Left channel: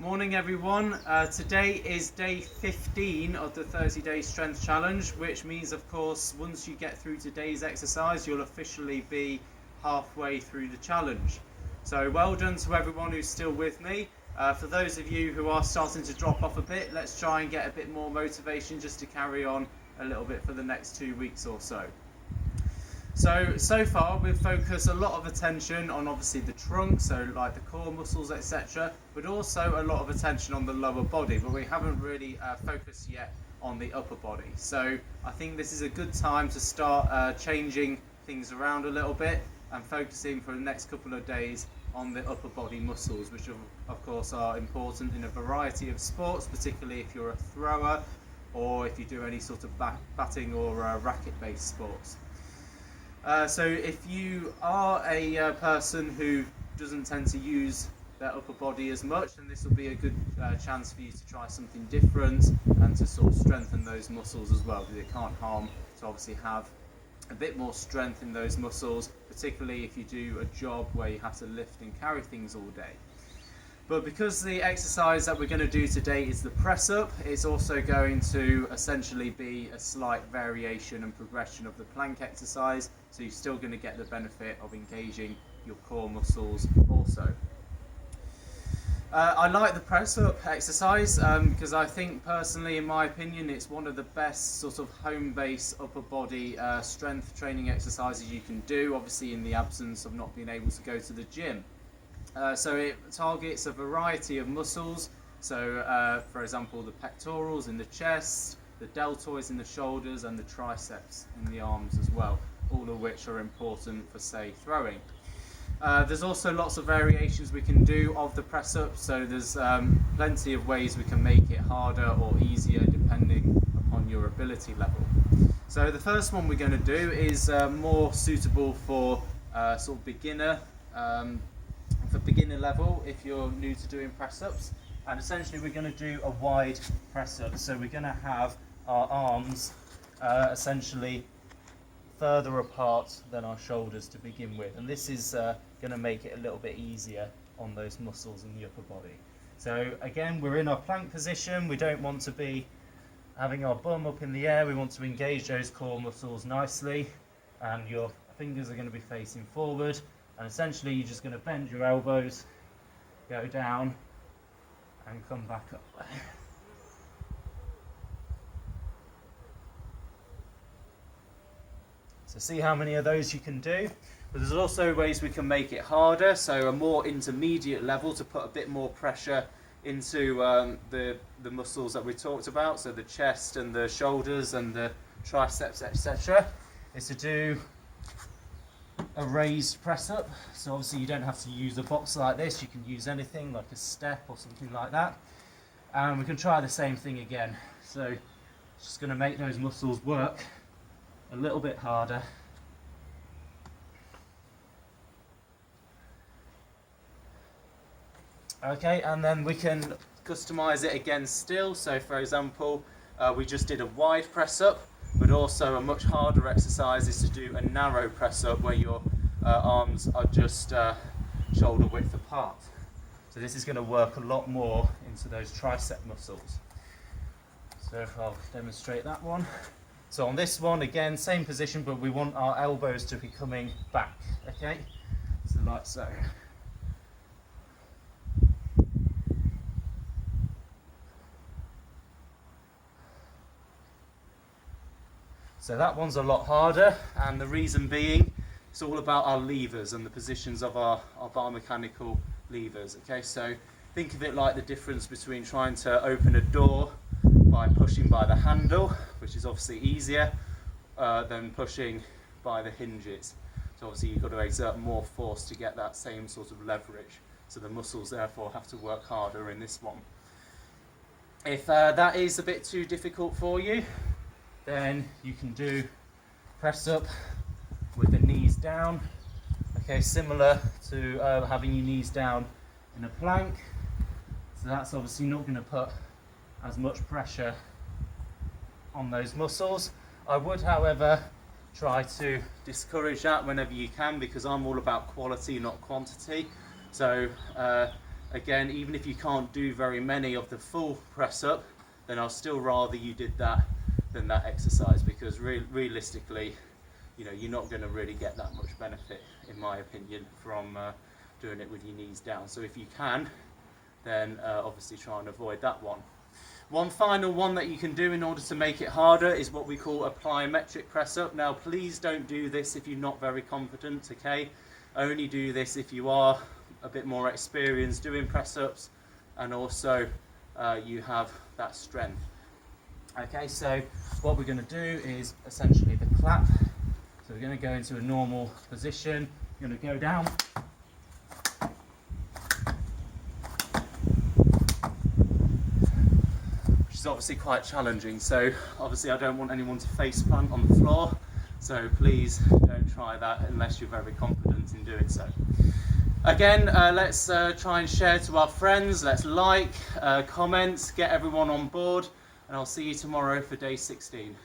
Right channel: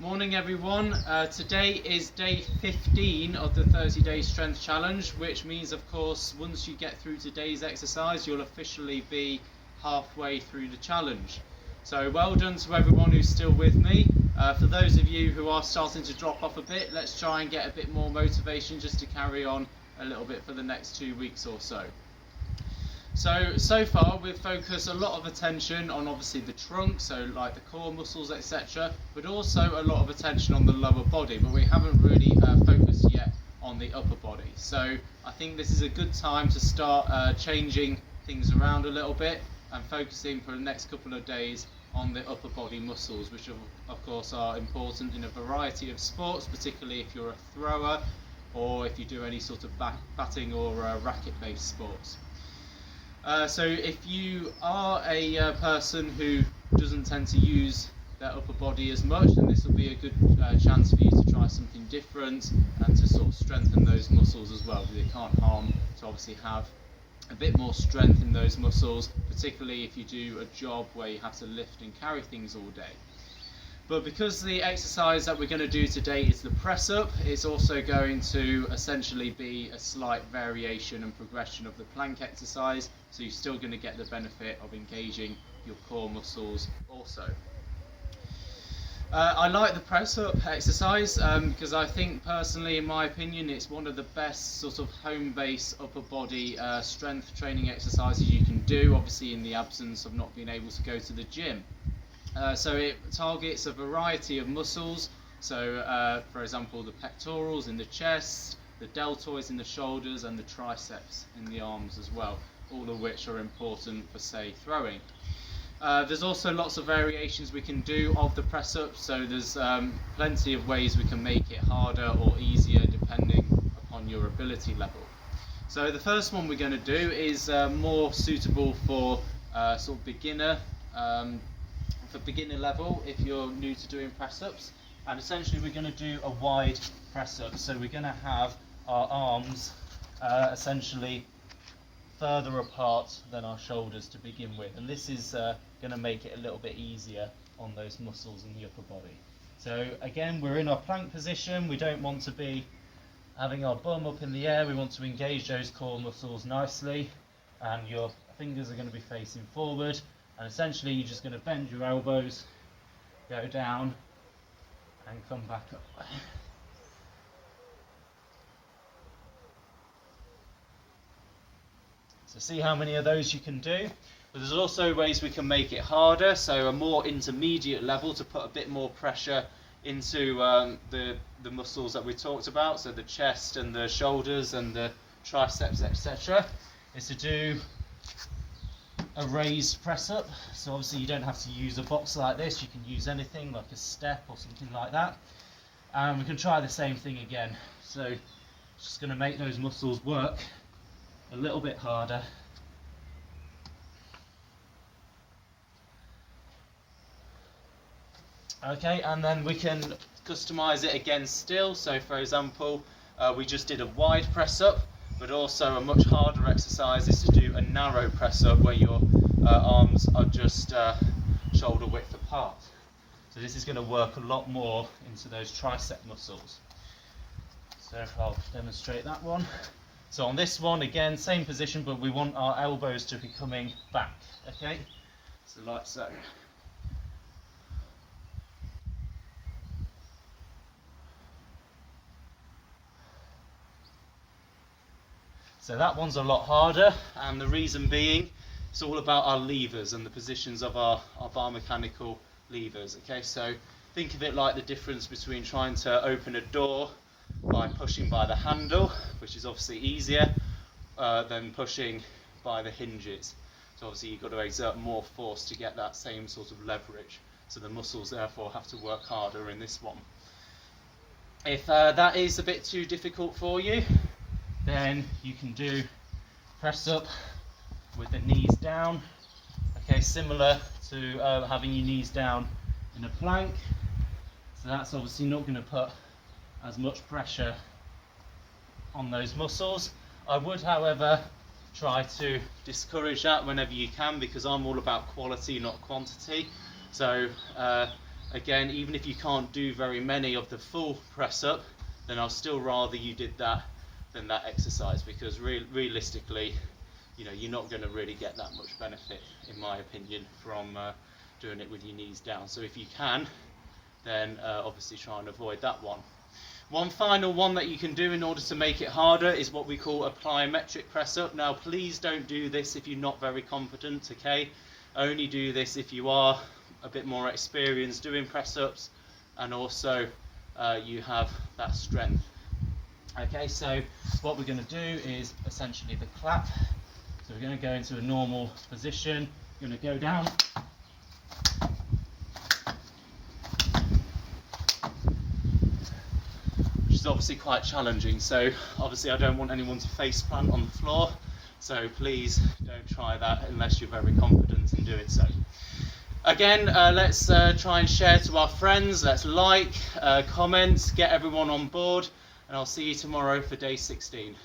Morning everyone. Today is day 15 of the 30-day strength challenge, which means of course once you get through today's exercise you'll officially be halfway through the challenge. So well done to everyone who's still with me. For those of you who are starting to drop off a bit, let's try and get a bit more motivation just to carry on a little bit for the next 2 weeks or so. So far we've focused a lot of attention on obviously the trunk, so like the core muscles, etc., but also a lot of attention on the lower body, but we haven't really focused yet on the upper body. So I think this is a good time to start changing things around a little bit and focusing for the next couple of days on the upper body muscles, which of course are important in a variety of sports, particularly if you're a thrower or if you do any sort of batting or racket-based sports. So if you are a person who doesn't tend to use their upper body as much, then this will be a good chance for you to try something different and to sort of strengthen those muscles as well, because it can't harm to obviously have a bit more strength in those muscles, particularly if you do a job where you have to lift and carry things all day. But because the exercise that we're going to do today is the press up, it's also going to essentially be a slight variation and progression of the plank exercise, so you're still going to get the benefit of engaging your core muscles also. I like the press up exercise because I think personally, in my opinion, it's one of the best sort of home base upper body strength training exercises you can do, obviously in the absence of not being able to go to the gym. So it targets a variety of muscles, so for example the pectorals in the chest, the deltoids in the shoulders and the triceps in the arms as well, all of which are important for, say, throwing. There's also lots of variations we can do of the press up, so there's plenty of ways we can make it harder or easier depending upon your ability level. So the first one we're going to do is more suitable for sort of beginner level if you're new to doing press ups, and essentially we're going to do a wide press up, so we're going to have our arms essentially further apart than our shoulders to begin with, and this is going to make it a little bit easier on those muscles in the upper body. So again, we're in our plank position, we don't want to be having our bum up in the air, we want to engage those core muscles nicely, and your fingers are going to be facing forward. And essentially you're just going to bend your elbows, go down and come back up. So see how many of those you can do. But there's also ways we can make it harder, so a more intermediate level to put a bit more pressure into the muscles that we talked about, so the chest and the shoulders and the triceps, etc., is to do a raised press up. So obviously you don't have to use a box like this, you can use anything like a step or something like that, and we can try the same thing again. So just going to make those muscles work a little bit harder. Okay, and then we can customize it again still. So for example, we just did a wide press up, but also a much harder exercise is to do a narrow press up where your arms are just shoulder width apart. So this is going to work a lot more into those tricep muscles. So I'll demonstrate that one. So on this one, again, same position, but we want our elbows to be coming back, okay? So like so. So that one's a lot harder, and the reason being, it's all about our levers and the positions of our biomechanical levers. Okay, so think of it like the difference between trying to open a door by pushing by the handle, which is obviously easier, than pushing by the hinges. So obviously you've got to exert more force to get that same sort of leverage. So the muscles therefore have to work harder in this one. If that is a bit too difficult for you, then you can do press up with the knees down. Okay, similar to having your knees down in a plank. So that's obviously not going to put as much pressure on those muscles. I would, however, try to discourage that whenever you can, because I'm all about quality, not quantity. So again, even if you can't do very many of the full press up, then I'll still rather you did that than that exercise, because realistically, you know, you're not going to really get that much benefit, in my opinion, from doing it with your knees down. So if you can, then obviously try and avoid that one. One final one that you can do in order to make it harder is what we call a plyometric press up. Now please don't do this if you're not very confident, okay? Only do this if you are a bit more experienced doing press ups, and also you have that strength. Okay, so what we're going to do is essentially the clap. So we're going to go into a normal position, we're going to go down, which is obviously quite challenging. So obviously I don't want anyone to face plant on the floor, so please don't try that unless you're very confident in doing so. Again, let's try and share to our friends, let's like, comment, get everyone on board, and I'll see you tomorrow for day 16.